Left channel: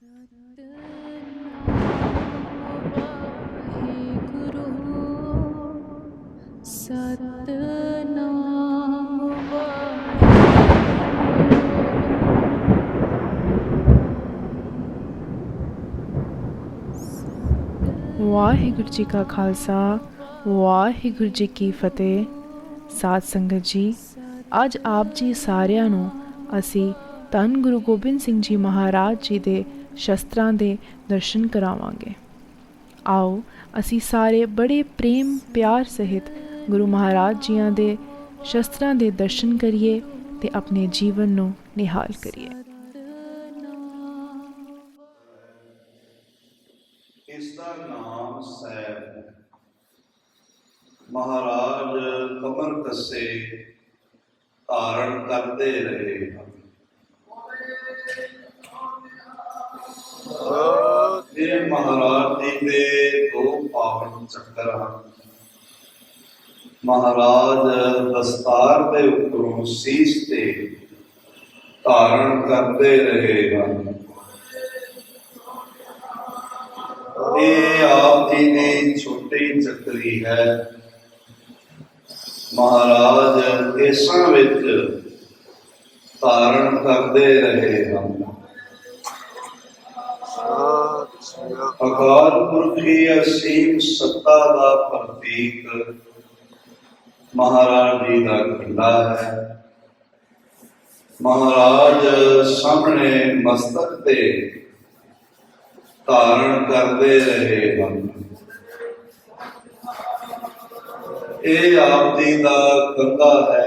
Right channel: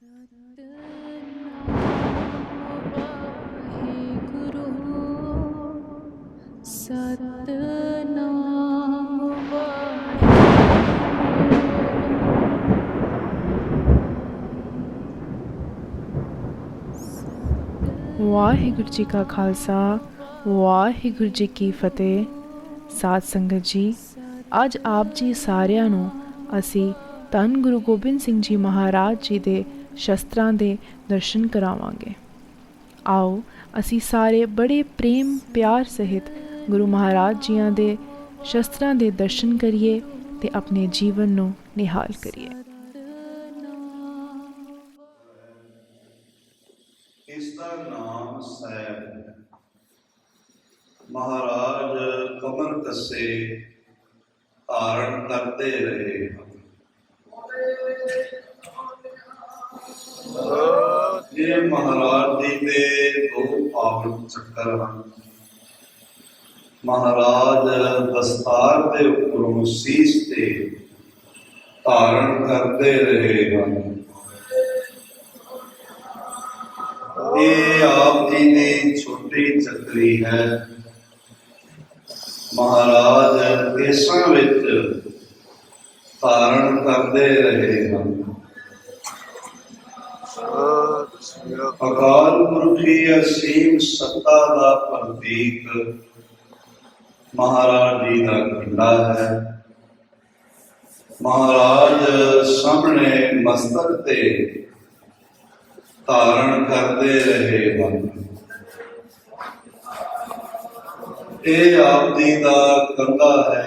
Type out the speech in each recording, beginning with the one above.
ਵਾਹਿਗੁਰੂ ਜੀ ਕਾ ਖਾਲਸਾ, ਵਾਹਿਗੁਰੂ ਜੀ ਕੀ ਫਤਿਹ। ਸਾਧ ਸੰਗਤ ਜੀ, ਅੱਜ ਆਪ ਜੀ ਸਾਰਿਆਂ ਨੂੰ ਅਸੀਂ ਧੰਨ ਗੁਰੂ ਗੋਬਿੰਦ ਸਿੰਘ ਜੀ ਮਹਾਰਾਜ ਜੀ ਦੇ ਸ਼ਸਤਰਾਂ ਦੇ ਦਰਸ਼ਨ ਕਰਾਵਾਂਗੇ। ਆਓ ਅਸੀਂ ਸਾਰੇ ਬੜੇ ਪ੍ਰੇਮ ਪਿਆਰ ਸਹਿਤ ਗੁਰੂ ਮਹਾਰਾਜ ਜੀਆਂ ਦੇ ਸ਼ਸਤਰਾਂ ਦੇ ਦਰਸ਼ਨ ਕਰੀਏ ਤੇ ਆਪਣੇ ਜੀਵਨ ਨੂੰ ਨਿਹਾਲ ਕਰੀਏ। ਇਸ ਦਾ ਨਾਮ ਸਾਹਿਬ ਮਹਾਰਾਜ ਕਮਰ ਕੱਸੇ ਧਾਰਨ ਕਰਦੇ ਰਹੇ ਹਨ। ਇਹ ਮਹਾਰਾਜ ਜੀ ਦੇ ਦੋ ਪਾਵਨ ਚੱਕਰ ਹਨ। ਮਹਾਰਾਜ ਦਸਤਾਰ ਦੇ ਉੱਪਰੋਂ ਸੀਸ ਤੇ ਧਾਰਨ ਕਰਦੇ ਰਹੇ ਹਨ। ਇਹ ਆਪ ਜੀ ਦੀ ਛੋਟੀ ਚੱਕਰੀ ਹੈ। ਮਹਾਰਾਜ ਕੇਸਾਂ ਵਿੱਚ ਧਾਰਨ ਕਰਦੇ ਰਹੇ ਹਨ। ਅਕਾਲ ਪੁਰਖੀ ਅਸੀਮ ਸੱਤਾ ਦਾ ਪ੍ਰਤੀਕ ਮਹਾਰਾਜ ਜੀ ਦਾ ਖੰਡਾ ਹੈ। ਮਹਾਰਾਜ ਸਾਹਮਣੇ ਮਸਤਕ ਤੇ ਧਾਰਨ ਕਰਦੇ ਰਹੇ ਹਨ। ਇਹ ਆਪ ਜੀ ਦਾ ਕੰਧਾ ਹੈ,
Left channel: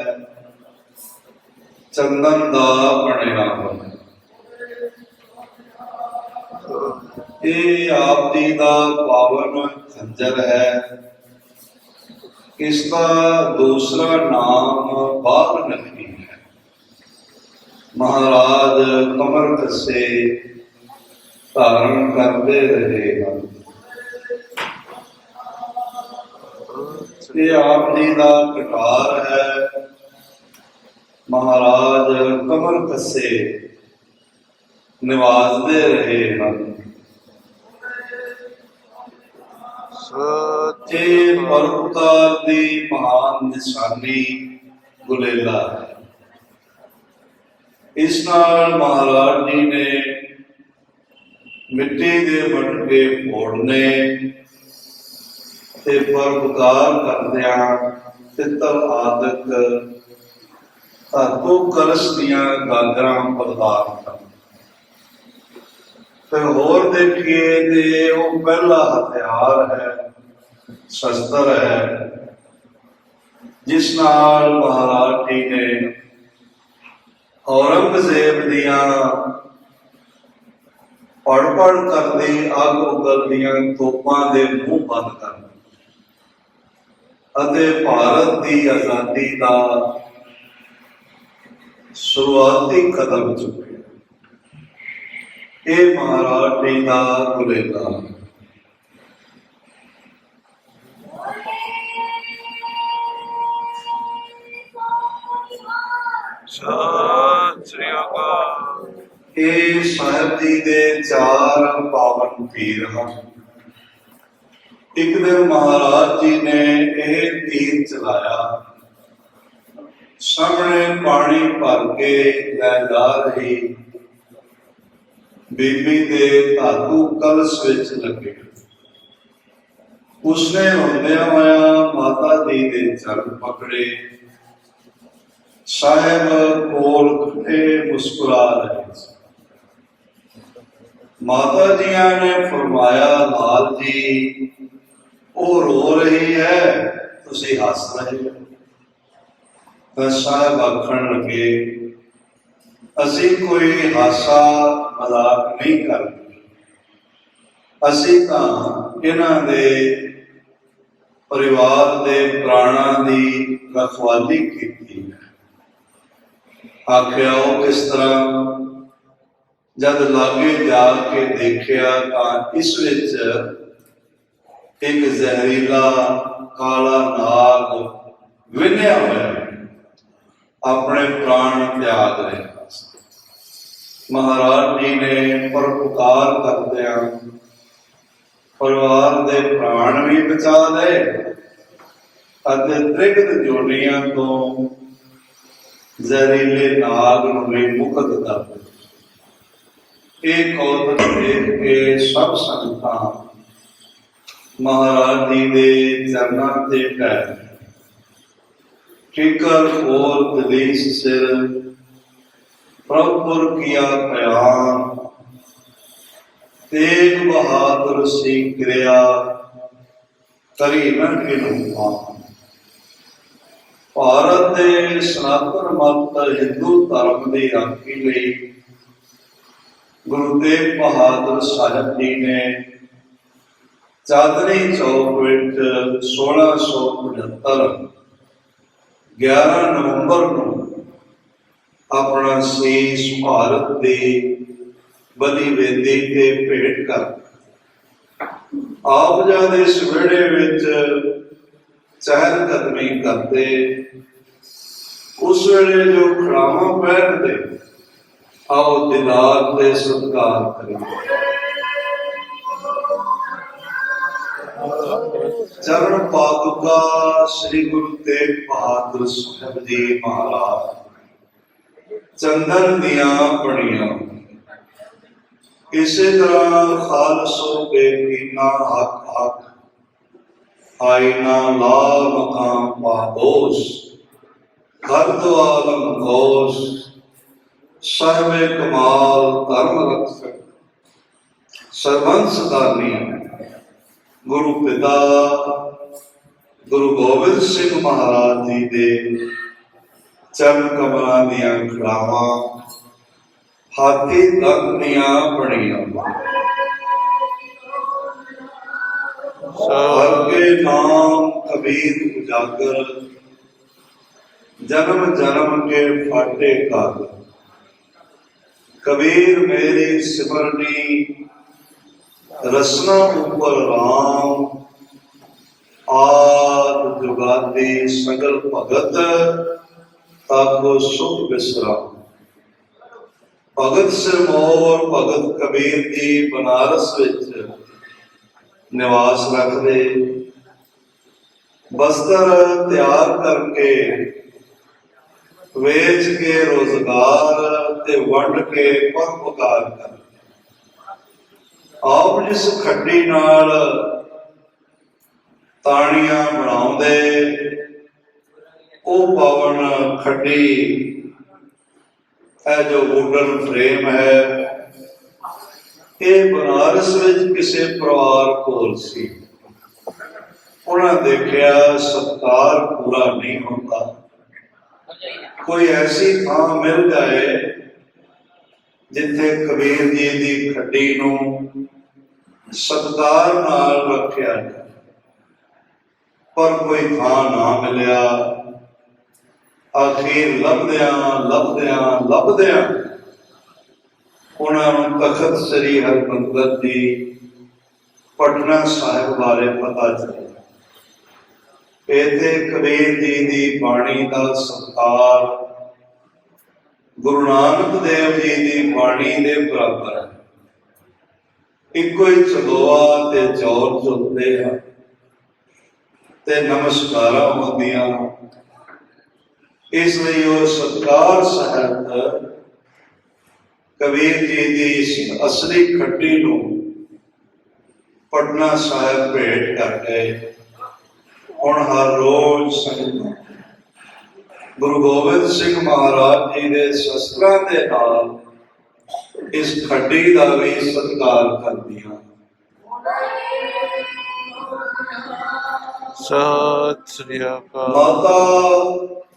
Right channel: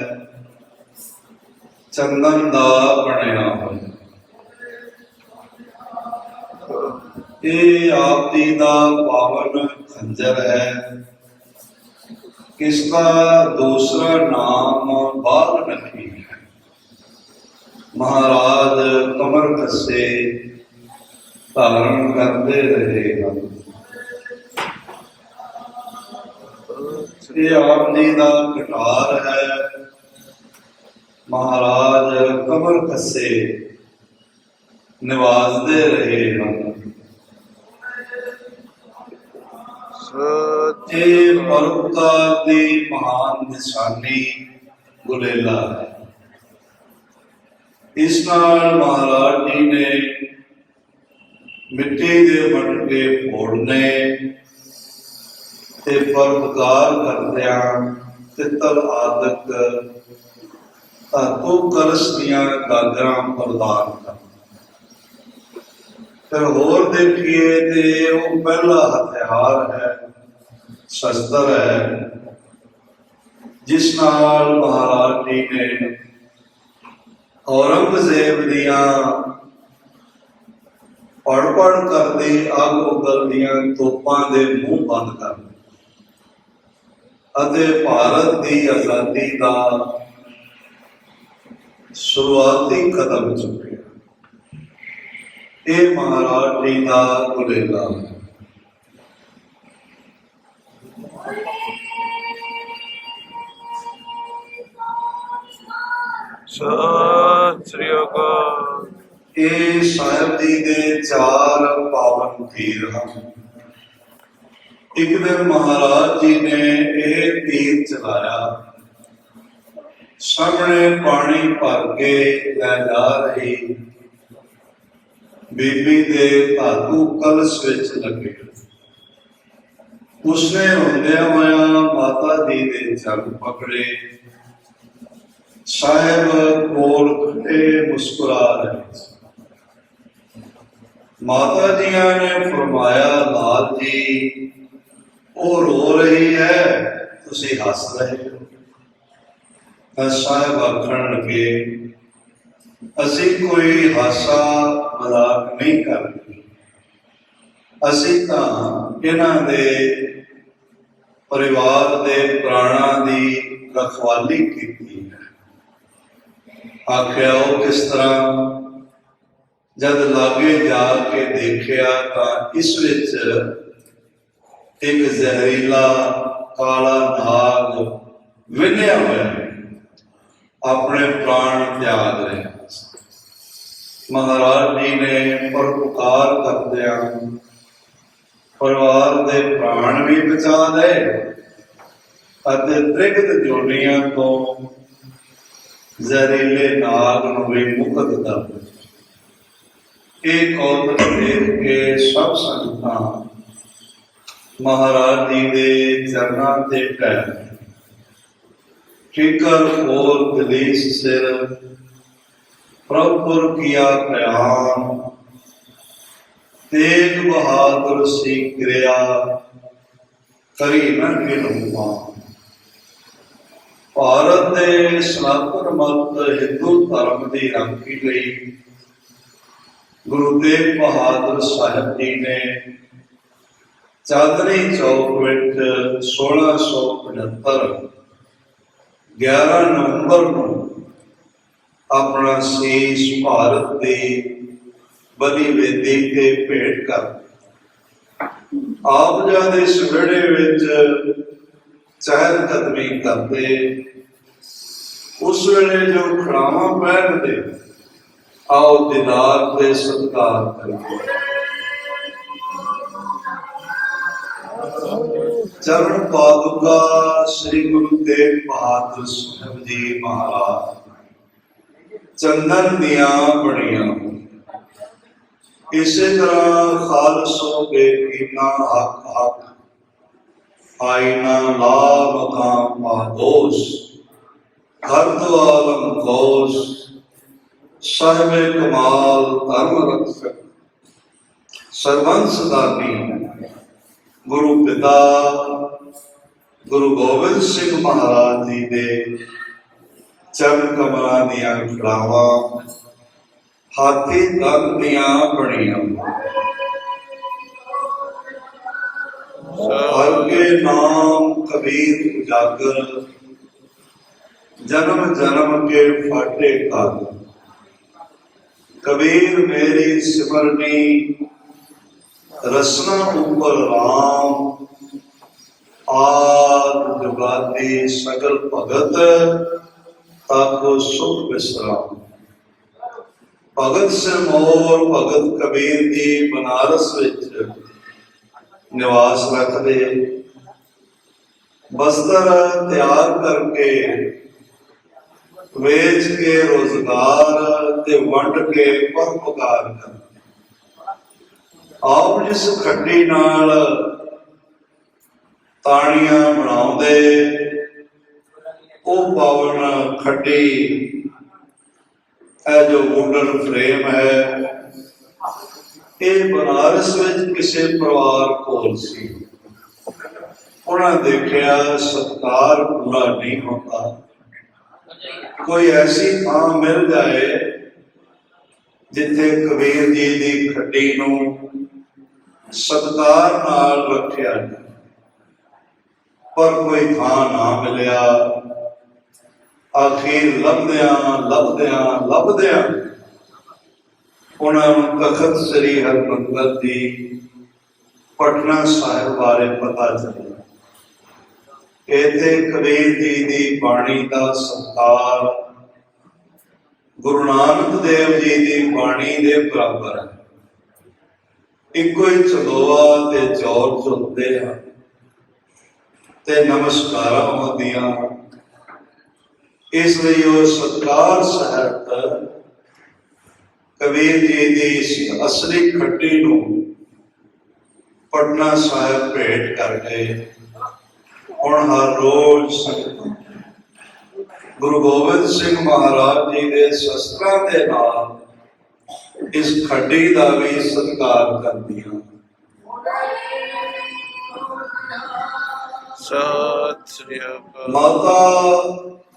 ਚੰਦਨ ਦਾ ਬਣਿਆ ਹੋਇਆ। ਇਹ ਆਪ ਜੀ ਦਾ ਪਾਵਨ ਖੰਜਰ ਹੈ। ਇਸ ਦਾ ਦੂਸਰਾ ਨਾਮ ਬਾਲ ਨਖੀ ਹੈ। ਮਹਾਰਾਜ ਕਮਰ ਕੱਸੇ ਧਾਰਨ ਕਰਦੇ ਰਹੇ ਹਨ। ਇਹ ਆਪ ਜੀ ਦਾ ਕਟਾਰ ਹੈ। ਮਹਾਰਾਜ ਕਮਰ ਕੱਸੇ ਨਿਵਾਜ਼ਦੇ ਰਹੇ ਹਨ। ਇਹ ਪਰਉਪਕਾਰ ਦੀ ਮਹਾਨ ਨਿਸ਼ਾਨੀ ਗੁਲੇਲਾ ਹੈ। ਇਸ ਨਾਲ ਮਹਾਰਾਜ ਜੀ ਨੇ ਮਿੱਟੀ ਦੇ ਮਟਕੇ ਫੋੜਨੇ ਤੇ ਪਰਉਪਕਾਰ ਕਰਦਿਆਂ ਪਿੱਤਲ ਆਦਿਕ ਧਾਤੂ ਕਲਸ਼ ਦੀਆਂ ਗਾਗਰਾਂ ਪ੍ਰਦਾਨ ਕਰਨ। ਫਿਰ ਹੋਰ ਦੇਖੀਏ ਤੇ ਉਹ ਪਹਿਲਾ ਹਥਿਆਰ ਹੈ, ਸ਼ਸਤਰ ਹੈ, ਜਿਸ ਨਾਲ ਮਹਾਰਾਜ ਜੀ ਨੇ ਔਰੰਗਜ਼ੇਬ ਦੀਆਂ ਪੜ ਕਰਦੇ ਅੱਗ ਉਗਲਦੀਆਂ ਤੋਪਾਂ ਦੇ ਮੂੰਹ ਬੰਦ ਕਰ ਅਤੇ ਭਾਰਤ ਦੀ ਆਜ਼ਾਦੀ ਦਾ ਸ਼ੁਰੂਆਤੀ ਕਦਮ ਚੁੱਕਿਆ। ਇਹ ਮਹਾਰਾਜ ਜੀ ਦਾ ਗੁਲੇਲਾ। ਸਤਿ ਸ੍ਰੀ ਅਕਾਲ। ਇਹ ਸਾਹਿਬ ਜੀ ਦੇ ਚਾਰ ਪਾਵਨ ਤੀਰ ਹਨ। ਇੱਕ ਦਿਨ ਮਹਾਰਾਜ ਜੀ ਨੇ ਇਹ ਤੀਰ ਚਲਾਇਆ। ਸਾਹਮਣੇ ਪਾਣੀ ਭਰ ਕੇ ਲੈ ਜਾ ਰਹੀ ਬੀਬੀ ਦੇ ਧਾਤੂ ਕਲਸ਼ ਵਿੱਚ ਲੱਗੇ। ਉਸਨੇ ਰੋਂਦਿਆਂ ਹੋਇਆ ਮਾਤਾ ਜੀ ਦੇ ਚਰਨ ਪਕੜੇ। ਸਾਹਿਬ ਕੋਲ ਖੜੇ ਮੁਸਕਰਾ ਰਹੇ ਸੀ। ਮਾਤਾ ਜੀਆਂ ਨੇ ਫਰਮਾਇਆ, ਲਾਲ ਜੀ ਉਹ ਰੋ ਰਹੀ ਹੈ, ਤੁਸੀਂ ਹੱਸ ਰਹੇ ਹੋ। ਤਾਂ ਸਾਹਿਬ ਆਖਣ ਲੱਗੇ, ਅਸੀਂ ਕੋਈ ਹਾਸਾ ਮਜ਼ਾਕ ਨਹੀਂ ਕਰਦੇ। ਅਸੀਂ ਤਾਂ ਇਹਨਾਂ ਦੇ ਪਰਿਵਾਰ ਦੇ ਪ੍ਰਾਣਾਂ ਦੀ ਰਖਵਾਲੀ ਕੀਤੀ ਹੈ। ਆਖਿਆ, ਉਹ ਕਿਸ ਤਰ੍ਹਾਂ? ਜਦ ਲਾਗੇ ਜਾ ਕੇ ਦੇਖਿਆ ਤਾਂ ਇਸ ਵਿੱਚ ਇੱਕ ਜ਼ਹਿਰੀਲਾ ਕਾਲਾ ਨਾਗ ਵਿੰਨਿਆ ਹੋਇਆ ਆਪਣੇ ਪ੍ਰਾਣ ਤਿਆਗ ਰਿਹਾ। ਮਹਾਰਾਜ ਜੀ ਨੇ ਪਰਉਪਕਾਰ ਕਰਦਿਆਂ ਪਰਿਵਾਰ ਦੇ ਪ੍ਰਾਣ ਵੀ ਬਚਾ ਲਏ ਅਤੇ ਤ੍ਰਿਗਤ ਜੋਨੀਆਂ ਤੋਂ ਜ਼ਹਿਰੀਲੇ ਨਾਗ ਨੂੰ ਵੀ ਮੁਕਤ ਕਰ ਦਿੱਤਾ। ਇਹ ਕੌਤਕ ਦੇਖ ਕੇ ਸਭ ਸੰਗਤਾਂ ਮਹਾਰਾਜ ਜੀ ਦੇ ਚਰਨਾਂ ਤੇ ਢਹਿ ਠੀਕਰ ਹੋਰ ਦਲੀਸ ਸਿਰ ਪ੍ਰਭੁਰ ਕੀਆ ਪ੍ਰਯਾਨ ਤੇਗ ਬਹਾਦਰ ਸੀ ਕਿਰਿਆ ਕਰੀ ਨ ਕਿਨੂੰ ਭਾਰਤ ਦੇ ਸਨਾਤਨ ਮਤ ਹਿੰਦੂ ਧਰਮ ਦੀ ਰਾਖੀ ਲਈ ਗੁਰੂ ਤੇਗ ਬਹਾਦਰ ਸਾਹਿਬ ਜੀ ਨੇ ਚਾਂਦਨੀ ਚੌਕ ਵਿੱਚ 1675 11 ਨਵੰਬਰ ਨੂੰ ਆਪਣਾ ਸੀਸ ਭਾਰਤ ਦੀ ਬਲੀ ਵੇਦੀ ਤੇ ਭੇਟ ਕਰ ਆਪ ਜੀ ਦੇ ਸਵੇੜੇ ਵਿੱਚ ਚਹਿਲ ਕਦਮੀ ਕਰਦੇ। ਉਸ ਵੇਲੇ ਜੋ ਖੜਾਵਾਂ ਪਹਿਨਦੇ ਆਓ ਦੀਦਾਰ ਦੇ ਸਤਿਕਾਰ ਕਰੀਏ। ਚਰਨ ਪਾਦੁਕਾ ਸ੍ਰੀ ਗੁਰੂ ਤੇਗ ਬਹਾਦਰ ਸਾਹਿਬ ਜੀ ਮਹਾਰਾਜ ਚੰਦਨ ਦੀਆਂ ਬਣੀਆਂ। ਇਸੇ ਤਰ੍ਹਾਂ ਖਾਲਸੋ ਬੇਕੀਨਾ ਹੱਕ ਹੱਕ ਆਇਨਾ ਲਾਭ ਤਾਂ ਪਾਦੋਸ ਘਰ ਤੋਂ ਆਲਮ ਕੋਸ ਸਰਵੇ ਕਮਾਲ ਧਰਮ ਰਖਸਕ ਸਰਵੰਸ ਦਾਨੀਆਂ। ਗੁਰੂ ਪਿਤਾ ਗੁਰੂ ਗੋਬਿੰਦ ਸਿੰਘ ਮਹਾਰਾਜ ਜੀ ਦੇ ਚਰਨ ਕਮਲਾਂ ਦੀਆਂ ਖੜਾਵਾਂ ਹਾਥੀ ਦੰਦ ਦੀਆਂ ਬਣੀਆਂ। ਹਰ ਕੇ ਨਾਮ ਕਬੀਰ ਉਜਾਗਰ ਜਨਮ ਜਨਮ ਕੇ ਫਾਟੇ ਕਰ। ਕਬੀਰ ਮੇਰੀ ਸਿਮਰਨੀ ਰਸਨਾ ਉੱਪਰ ਰਾਮ ਆਦ ਜੁਗਾਦੀ ਸਗਲ ਭਗਤ ਤਾਕੋ ਸੁਖ ਵਿਸਰਾਮ। ਭਗਤ ਸਿਰਮੌਰ ਭਗਤ ਕਬੀਰ ਜੀ ਬਨਾਰਸ ਵਿੱਚ ਨਿਵਾਸ ਰੱਖਦੇ। ਬਸਤਰ ਤਿਆਰ ਕਰਕੇ ਵੇਚ ਕੇ ਰੋਜ਼ਗਾਰ ਤੇ ਵੰਡ ਕੇ ਪਰਉਪਕਾਰ ਕਰ। ਆਪ ਜਿਸ ਖੱਡੀ ਨਾਲ ਤਾਣੀਆਂ ਬਣਾਉਂਦੇ ਉਹ ਪਾਵਨ ਖੱਡੀ ਇਹ ਜੋ ਵੁਡਨ ਫਰੇਮ ਹੈ ਇਹ ਬਨਾਰਸ ਵਿੱਚ ਕਿਸੇ ਪਰਿਵਾਰ ਕੋਲ ਸੀ। ਉਹਨਾਂ ਦੇਖਿਆ ਸਤਕਾਰ ਪੂਰਾ ਨਹੀਂ ਹੁੰਦਾ। ਕੋਈ ਐਸੀ ਥਾਂ ਮਿਲ ਜਾਏ ਜਿੱਥੇ ਕਬੀਰ ਜੀ ਦੀ ਖੱਡੀ ਨੂੰ ਸਤਿਕਾਰ ਨਾਲ ਰੱਖਿਆ ਜਾਏ, ਪਰ ਕੋਈ ਥਾਂ ਨਾ ਮਿਲਿਆ। ਆਖਿਰ ਲੱਭਦਿਆਂ ਉਹਨਾਂ ਨੂੰ ਤਖਤ ਸ੍ਰੀ ਹਰਿਮੰਦਰ ਦੀ ਪਟਨਾ ਸਾਹਿਬ ਬਾਰੇ ਪਤਾ ਚੱਲਿਆ। ਇੱਥੇ ਕਬੀਰ ਜੀ ਦੀ ਬਾਣੀ ਦਾ ਸਤਿਕਾਰ ਗੁਰੂ ਨਾਨਕ ਦੇਵ ਜੀ ਦੀ ਬਾਣੀ ਦੇ ਬਰਾਬਰ ਹੈ। ਇੱਕੋ ਹੀ ਚਲੋਆ ਤੇ ਚੌਰ ਚੁੱਕਦੇ ਆ ਤੇ ਨਮਸਕਾਰਾਂ ਹੁੰਦੀਆਂ। ਇਸ ਲਈ ਉਹ ਸਤਿਕਾਰ ਸਹਿਤ ਕਬੀਰ ਜੀ ਦੀ ਇਸ ਅਸਲੀ ਖੱਡੀ ਨੂੰ ਪਟਨਾ ਸਾਹਿਬ ਭੇਟ ਕਰ ਗਏ। ਹੁਣ ਹਰ ਰੋਜ਼ ਗੁਰੂ ਗੋਬਿੰਦ ਸਿੰਘ ਮਹਾਰਾਜ ਜੀ ਦੇ ਸ਼ਸਤਰਾਂ ਦੇ ਨਾਲ ਇਸ ਖੱਡੀ ਦਾ ਵੀ ਸਤਿਕਾਰ ਕਰਦੀਆਂ। ਸਤਿ ਸ੍ਰੀ ਅਕਾਲ। ਮਾਤਾ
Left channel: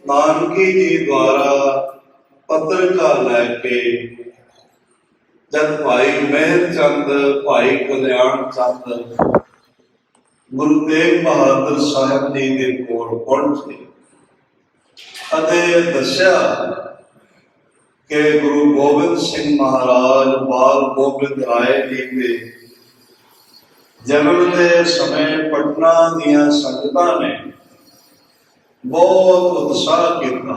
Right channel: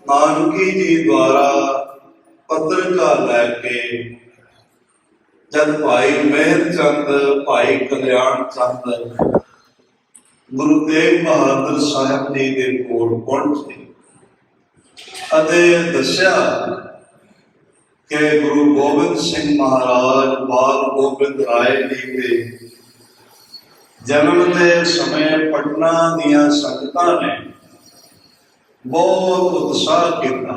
ਨਾਨਕੀ ਜੀ ਦੁਆਰਾ ਪੱਤਰਕਾ ਲੈ ਕੇ ਜਦ ਭਾਈ ਮਹਿਰ ਚੰਦ ਭਾਈ ਕਲਿਆਣ ਚੰਦ ਗੁਰੂ ਤੇਗ ਬਹਾਦਰ ਸਾਹਿਬ ਜੀ ਦੇ ਕੋਲ ਪਹੁੰਚੇ ਅਤੇ ਦੱਸਿਆ ਕਿ ਗੁਰੂ ਗੋਬਿੰਦ ਸਿੰਘ ਮਹਾਰਾਜ ਬਾਲ ਗੋਬਿੰਦ ਰਾਏ ਜੀ ਦੇ ਜਨਮ ਦੇ ਸਮੇਂ ਪਟਨਾ ਦੀਆਂ ਸੰਗਤਾਂ ਨੇ ਬਹੁਤ ਉਤਸ਼ਾਹ ਕੀਤਾ।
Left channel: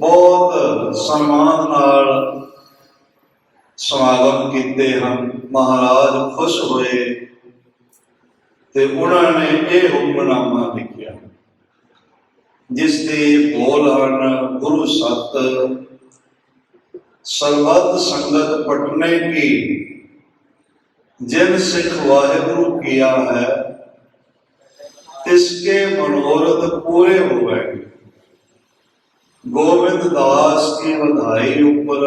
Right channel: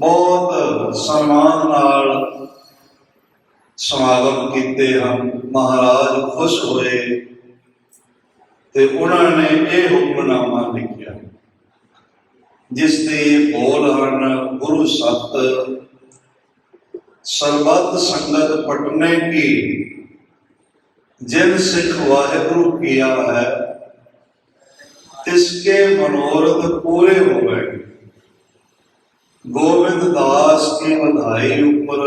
ਬਹੁਤ ਸਨਮਾਨ ਨਾਲ ਸਮਾਗਮ ਕੀਤੇ ਹਨ। ਮਹਾਰਾਜ ਖੁਸ਼ ਹੋਏ ਤੇ ਉਹਨਾਂ ਨੇ ਇਹ ਹੁਕਮਨਾਮਾ ਲਿਖਿਆ, ਜਿਸ ਦੇ ਬੋਲ ਹਨ, ਗੁਰੂ ਸਤ ਸਰਬੱਤ ਸੰਗਤ ਪਟਨੇ ਕੀ, जिन सिख वाहिगुरु किया है तिसके मनोरथ पूरे हो गए। गोविंद दास की बधाई ऊपर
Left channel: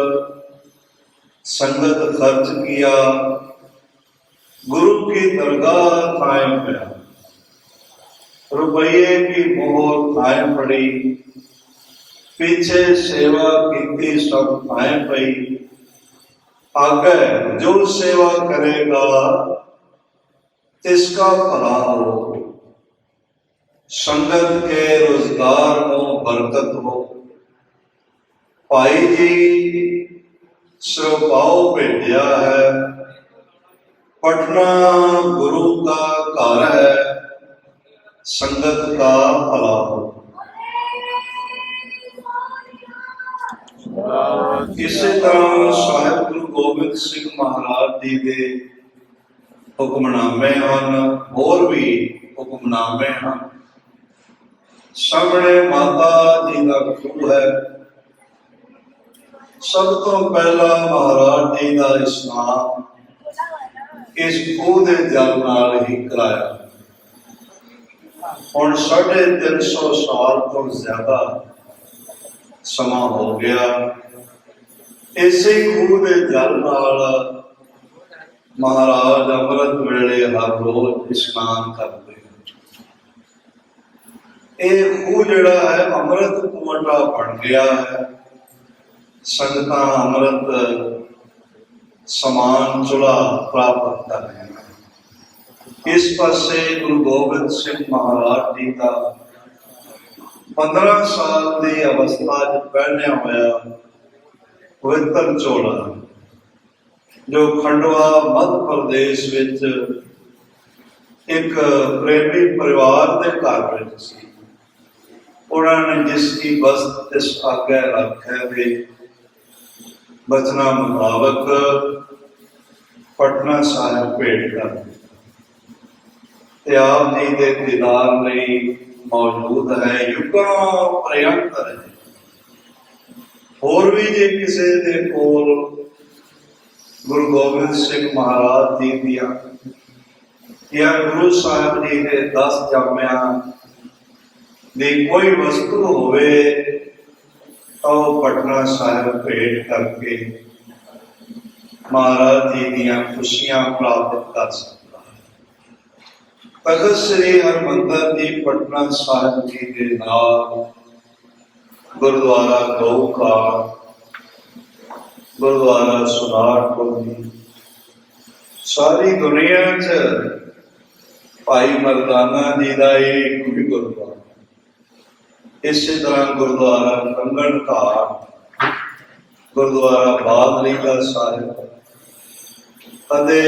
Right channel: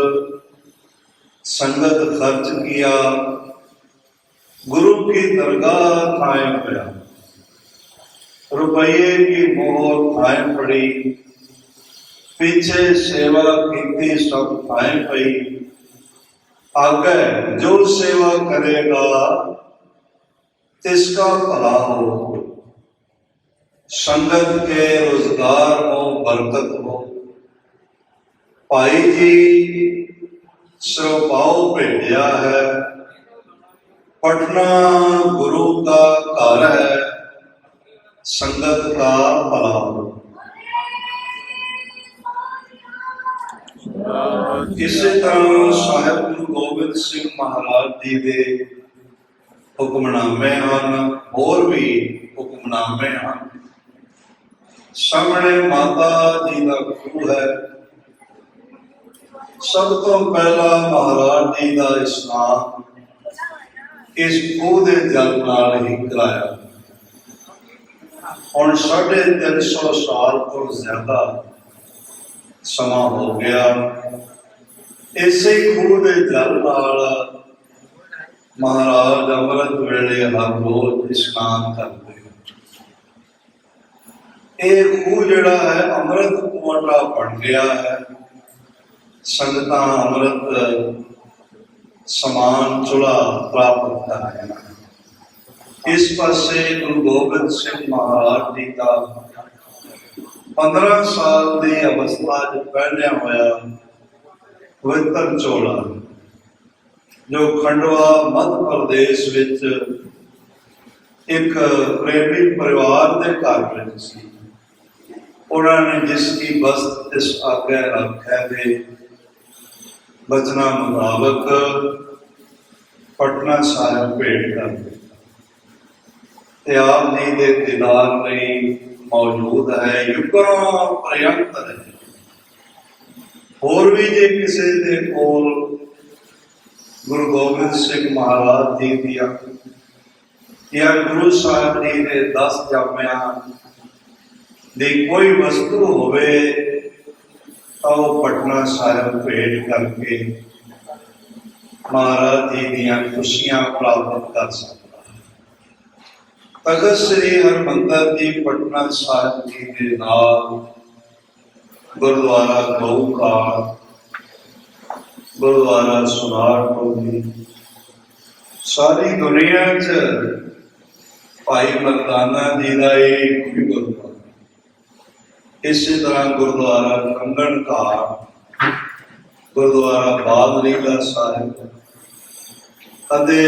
संगत खर्च किया, गुरु की दरगाह कायम किया। रुपये की मोहर कायम पड़ी, पीछे सेवा की सब कायम पई। आगे जो सेवा करेगा तिसका भला हो, संगत के रोजगार को बरकत हो। भाई जी स्वभाव भेजा है, पटना गुरु का घर है, संगत का भला हो। इसे तरह ਸਾਹਿਬ ਗੁਰੂ ਗੋਬਿੰਦ ਸਿੰਘ ਮਹਾਰਾਜ ਜੀ ਦੇ ਹੁਕਮਨਾਮੇ ਹਨ, ਹੋਰ ਵੀ ਹੁਕਮਨਾਮੇ ਹਨ। ਸਾਹਮਣੇ ਮਾਤਾ ਜੀ ਦਾ ਖੂਹ ਹੈ। ਸਭ ਤੋਂ ਪਹਿਲਾਂ ਮਹਾਰਾਜ ਜੀ ਦਾ ਇਸ਼ਨਾਨ ਇਸ ਖੂਹ ਦੇ ਜਲ ਨਾਲ ਹੀ ਕਰਾਇਆ। ਹੁਣ 350 ਸਾਲ ਤੋਂ ਜ਼ਿਆਦਾ ਸਮਾਂ ਹੋ ਗਿਆ। ਇਸੇ ਖੂਹ ਦੇ ਜਲ ਨਾਲ ਮਹਾਰਾਜ ਅੰਮ੍ਰਿਤ ਵੇਲੇ ਹਰ ਰੋਜ਼ ਇਸ਼ਨਾਨ ਕਰਦੇ। ਇਹ ਖੂਹ ਜਿਹੜਾ ਹੈ ਅੰਮ੍ਰਿਤ ਕੁਆਂਟਾ ਬਣ ਗਿਆ ਹੈ। ਸੰਗਤਾਂ ਅੰਮ੍ਰਿਤ ਸਮਾਨ ਚੁਲਾ ਪ੍ਰਾਪਤ ਕਰ ਰਹੀਆਂ। ਇਸ ਪਾਸੇ ਗੁਰੂ ਗੋਬਿੰਦ ਸਿੰਘ ਮਹਾਰਾਜ ਜੀ ਦਾ 15 ਸਾਲ ਦੀ ਅਵਸਥਾ 'ਚ ਪਹਿਨਿਆ ਹੋਇਆ ਪਵਿੱਤਰ ਚੋਲਾ, ਜੋ ਖੰਡਵਾ ਮੱਧ ਪ੍ਰਦੇਸ਼ ਵਿੱਚ ਇੱਕ ਪ੍ਰੇਮੀ ਪਰਿਵਾਰ ਦੇ ਘਰ ਵਿੱਚ ਸੀ। ਉਹਨਾਂ ਨੇ ਜਿਸ ਦੀ ਬਸਤ ਇਸ ਆਗੇ ਰੱਖਿਆ ਦੇ ਬਚਨਾਂ ਮੁਤਾਬਕ ਪਟਨਾ ਸਾਹਿਬ ਭੇਟ ਕਰ ਦਿੱਤੀ ਤੇ ਆਪ ਜੀ ਦੇ ਦੀਦਾਰ ਲਈ ਮੌਜੂਦ ਹੈ। ਯੁੱਗਾਂ ਪ੍ਰਯੰਤ ਹੈ। ਹੋਰ ਵੀ ਜੇ ਕਿਸੇ ਦੇ ਕੋਲ ਗੁਰੂ ਗੋਬਿੰਦ ਸਿੰਘ ਮਹਾਰਾਜ ਜੀ ਦੀਆਂ ਜਾਂ ਗੁਰੂ ਸਾਹਿਬ ਜੀ ਦੇ 10 ਜਾਮਿਆਂ ਦੀ ਕੋਈ ਵਸਤੂ ਹੋਵੇ ਤਾਂ ਉਹ ਪਟਨਾ ਸਾਹਿਬ ਭੇਟ ਕਰਕੇ ਮਹਾਰਾਜ ਜੀ ਦੀਆਂ ਖੁਸ਼ੀਆਂ ਪ੍ਰਾਪਤ ਕਰ ਸਕਦਾ ਹੈ। ਤਖ਼ਤ ਸ੍ਰੀ ਹਰਿਮੰਦਰ ਜੀ ਪਟਨਾ ਸਾਹਿਬ ਜੀ ਦੇ ਨਾਲ ਗੁਰਦੁਆਰਾ ਗਊਖਾ, ਗੁਰਦੁਆਰਾ ਸੁਨਾਰਪੁਰ ਜੀ, ਸਾਰੀ ਦੁਨੀਆ 'ਚ ਭਾਈ ਮਰਦਾਨਾ ਜੀ ਦਾ ਇਹ ਵੀ ਗੁਰਦੁਆਰਾ। ਇਸੇ ਤਰ੍ਹਾਂ ਗੁਰਦੁਆਰਾ ਕੰਗਣ ਘਾਟ, ਗੁਰਦੁਆਰਾ ਬਾਦਲੀਲਾ ਸਾਹਿਬ ਅਤੇ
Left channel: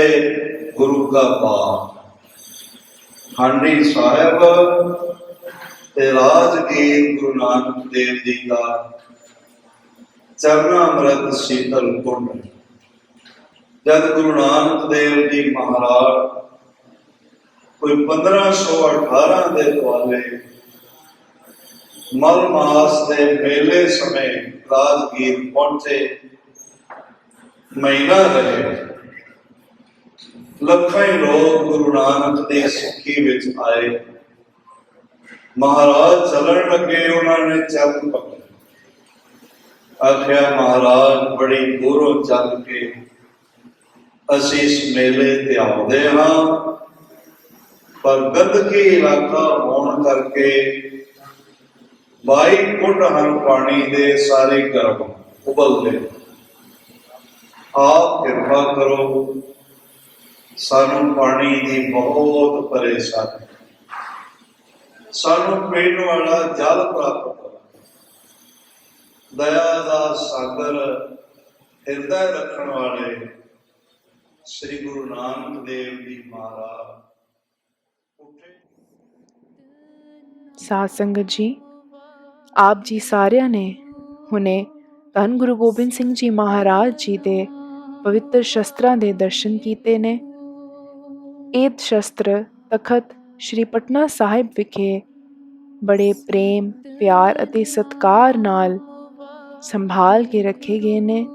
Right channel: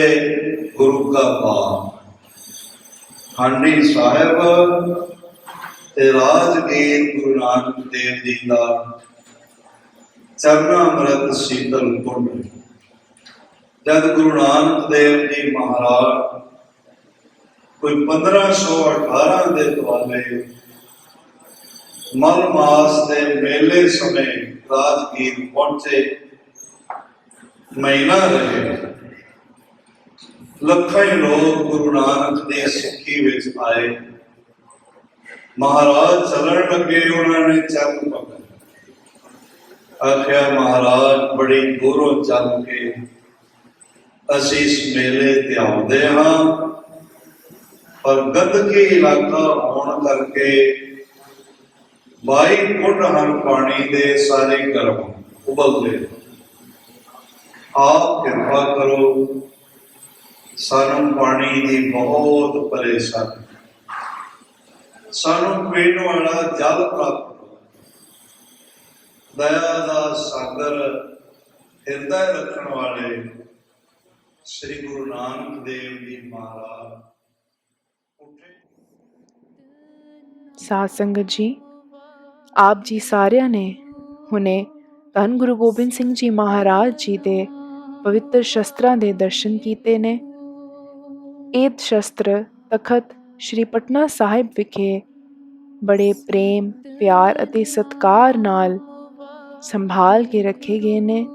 ਗੁਰੂ ਕਾ ਬਾਗ, ਹਾਂਡੀ ਸਾਹਿਬ ਤੇ ਰਾਜਗੀਰ ਗੁਰੂ ਨਾਨਕ ਦੇਵ ਜੀ ਦਾ ਚਰਨ ਅੰਮ੍ਰਿਤ ਸ਼ੀਤਲ ਕੁੰਡ। ਜਦ ਗੁਰੂ ਨਾਨਕ ਦੇਵ ਜੀ ਮਹਾਰਾਜ ਕੋਈ 1518 ਦੇ ਦੁਆਲੇ ਮਰ ਮਾਸ ਦੇ ਮੇਲੇ ਸਮੇਂ ਰਾਜਗੀਰ ਪਹੁੰਚੇ, ਮਹੀਨਾ ਰਹੇ। ਲੱਖਾਂ ਹੀ ਲੋਕ ਗੁਰੂ ਨਾਨਕ ਦੀ ਸਿੱਖੀ ਵਿੱਚ ਆਏ। ਮਹਾਰਾਜ ਚੱਲਣ ਲੱਗੇ, ਉਹਨਾਂ ਨੇ ਚਰਨ ਪਕੜੇ। ਆਖਿਆ ਮਹਾਰਾਜ ਬੜੀ ਦੂਰੋਂ ਚੱਲ ਕੇ ਅਸੀਂ ਇਸ ਮੇਲੇ ਤੇ ਆਉਂਦੇ ਹਾਂ, ਪਰ ਗੰਦਗੀ ਇਲਾਕਾ ਹੋਣ ਕਰਕੇ 22 ਫੁੱਟ ਹਰ ਪਾਣੀ ਦੇ ਸਾਰੇ ਗਰਮ ਉਬਲਦੇ। ਆਪ ਕਿਰਪਾ ਕਰੋ, ਸਾਨੂੰ ਪਾਣੀ ਦੀ ਬਹੁਤ ਪਰੇਸ਼ਾਨੀ, ਸਾਨੂੰ ਪੀਣ ਵਾਲਾ ਜਲ ਪ੍ਰਾਪਤ ਕਰੋ। ਦਇਆ ਦਾ ਸਾਗਰ ਹਿਰਦੇ ਰੱਖਣ ਵਾਲੇ ਸ੍ਰੀ ਗੁਰੂ ਨਾਨਕ ਦੇਵ ਜੀ ਮਹਾਰਾਜ ਉੱਠੇ। ਸਾਧ ਸੰਗਤ ਜੀ, ਆਪ ਜੀ ਸਾਰਿਆਂ ਨੇ ਹੁਣੇ ਧੰਨ ਗੁਰੂ ਗੋਬਿੰਦ ਸਿੰਘ ਜੀ ਮਹਾਰਾਜ ਜੀ ਦੇ ਪਵਿੱਤਰ ਸ਼ਸਤਰਾਂ ਦੇ ਦਰਸ਼ਨ ਕੀਤੇ ਨੇ। ਇਹ ਸ਼ਸਤਰ ਤਖਤ ਸ਼੍ਰੀ ਪਟਨਾ ਸਾਹਿਬ ਵਿਖੇ ਬੜੇ ਪ੍ਰੇਮ, ਪਿਆਰ ਅਤੇ ਸਤਿਕਾਰ ਨਾਲ ਸੰਭਾਲ ਕੇ ਰੱਖੇ ਗਏ ਨੇ।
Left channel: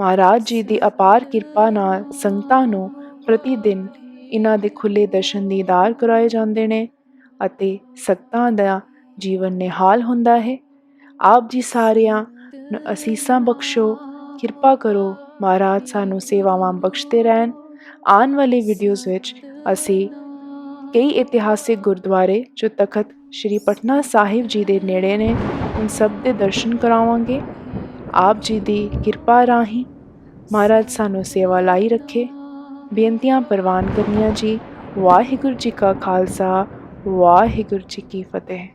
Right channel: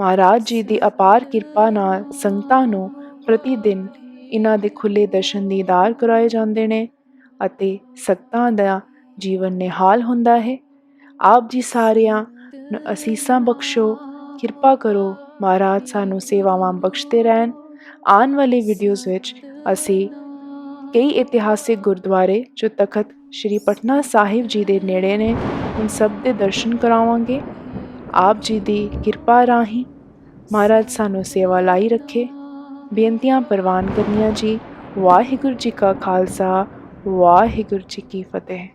ਮਹਾਰਾਜ ਜੀ ਦੀ ਅਪਾਰ ਕਿਰਪਾ ਨਾਲ ਸੰਗਤਾਂ ਨੂੰ ਪ੍ਰਤੀ ਦਿਨ ਇਹਨਾਂ ਦੇ ਖੁੱਲ੍ਹੇ ਦਰਸ਼ਨ ਦੀਦਾਰ ਕਰਾਏ ਜਾਂਦੇ ਨੇ ਅਤੇ ਸੰਗਤਾਂ ਦਾ ਜੀਵਨ ਨਿਹਾਲ ਹੁੰਦਾ ਹੈ। ਆਪ ਜੀ ਸਾਰਿਆਂ ਨੂੰ ਅਸੀਸਾਂ ਬਖਸ਼ੋ, ਕਿਰਪਾ ਕਰੋ, ਮਹਾਰਾਜ ਸਾਨੂੰ ਸੇਵਾਵਾਂ ਬਖਸ਼ਦੇ ਰਹਿਣ। ਆਉਣ ਵਾਲੇ ਵੀਡੀਓਜ਼ ਵਿੱਚ ਅਸੀਂ ਕਈ ਇਤਿਹਾਸਿਕ ਗੁਰਦੁਆਰੇ ਜੋ ਤਖਤ ਸ਼੍ਰੀ ਪਟਨਾ ਸਾਹਿਬ ਜੀ ਦੇ ਨੇੜੇ ਨੇ ਉਨ ਸਭ ਦੇ ਦਰਸ਼ਨ ਕਰਾਵਾਂਗੇ। ਆਪ ਜੀ ਦੀ ਕਿਰਪਾ ਰਾਹੀਂ ਮਹਾਰਾਜ ਸਾਨੂੰ ਸੇਵਾ ਲਾਈ ਰੱਖੇ। ਬੇਨਤੀਆਂ ਪ੍ਰਵਾਨ ਕਰਨੀਆਂ ਜੀ। ਵਾਹਿਗੁਰੂ ਜੀ ਕਾ ਖਾਲਸਾ, ਵਾਹਿਗੁਰੂ ਜੀ ਕੀ ਫਤਿਹ।